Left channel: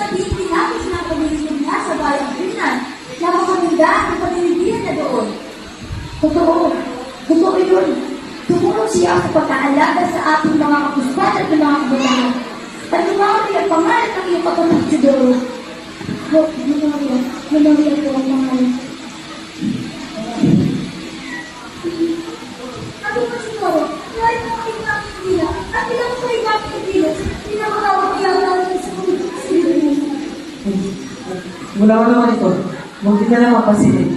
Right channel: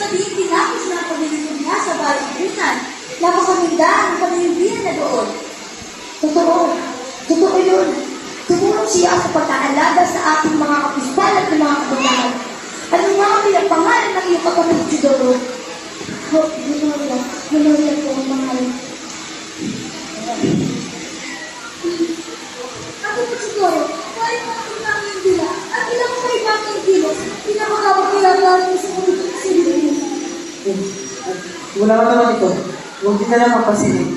sabihin tinapos na ang pamilya niya sa bahay ng napakaminda ang pamilya na doon. Totoo. Totoo yun. Tumulong siya sa pag-aalaga sa ating mga kapistan at mga kabataan. At ang mga pinagpangalan ng iyong kapatid Teodoro. Memoria ko ang mga ako po siguro, kahit nakakita ang Indila, at pinakakaiba ang Indilo, pinakakapagayang namin sa Indilo. Wala ka naman ito. Huwag din na lang mapasinin.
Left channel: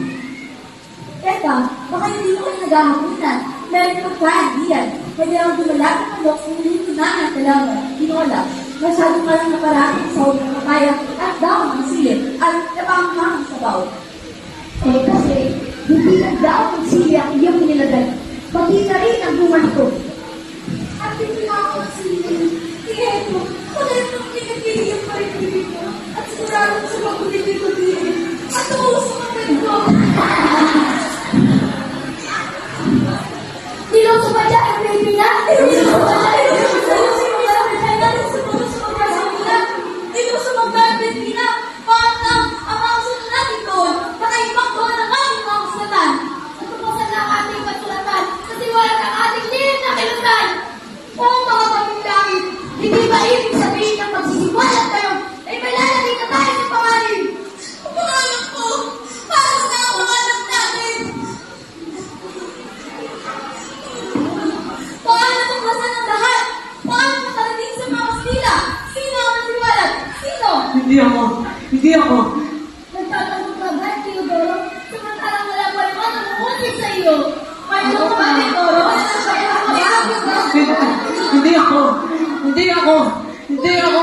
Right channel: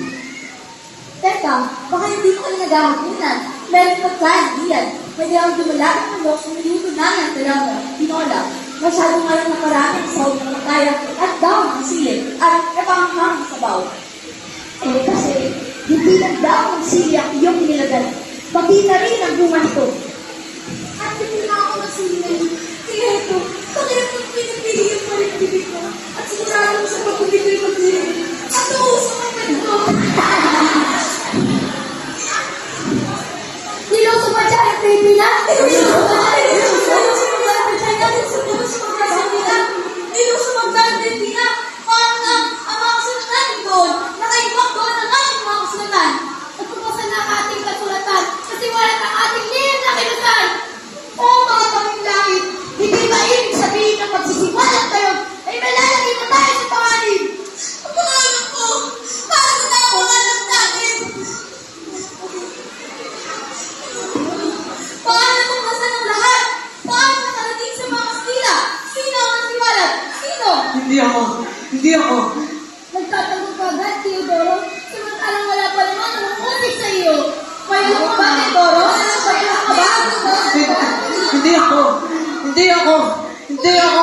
Teka, baka hindi ko kayo naghahapunan. Meron pa kain diyan. Pwede ako dumalagin ng box ng linutunahan talaga. Tinola, masyadong kayo nakaramit sa huwag ng kaya at daw ang silip at napangpang sa baw. Kasi, hindi lang daw ang silip ang iyong nilagay. Pati na rin ang bunga nito. At hindi na ako silip. Kaya ito, pagkaya ng pinagpilihan ko yung bibig ko at sigurado sa mga bibig ko din. At tumusok ang ganito. Niloso pa dyan ang baby na. Niloso pa dyan ang baby na. Niloso pa dyan ang baby na. Paano na ang mga kasulatan natin doon? Nakaibang doon ang aming mga kasulatan. Natupasan na ang ating kasulatan kasi wala na ating liit na kilutan. O mga pamilangit, hindi ba ibig sabihin ng magsisiwalat tayo ay malalagay na tayo sa pangalim? Ang pangalan ko, paano na ang pangalan natin? Paano tuklasan ang lahat? Paano nakarating sa mga Kastila? Sino ang nasiwalat? Sino? Hindi ako. Hindi ako. Nagtatanong ka ba, Teodoro? Samantalang wala pa rin ako umulit sa iyo. Kayo mo ba, Teodoro? Hindi ako. Hindi ako. Hindi ako.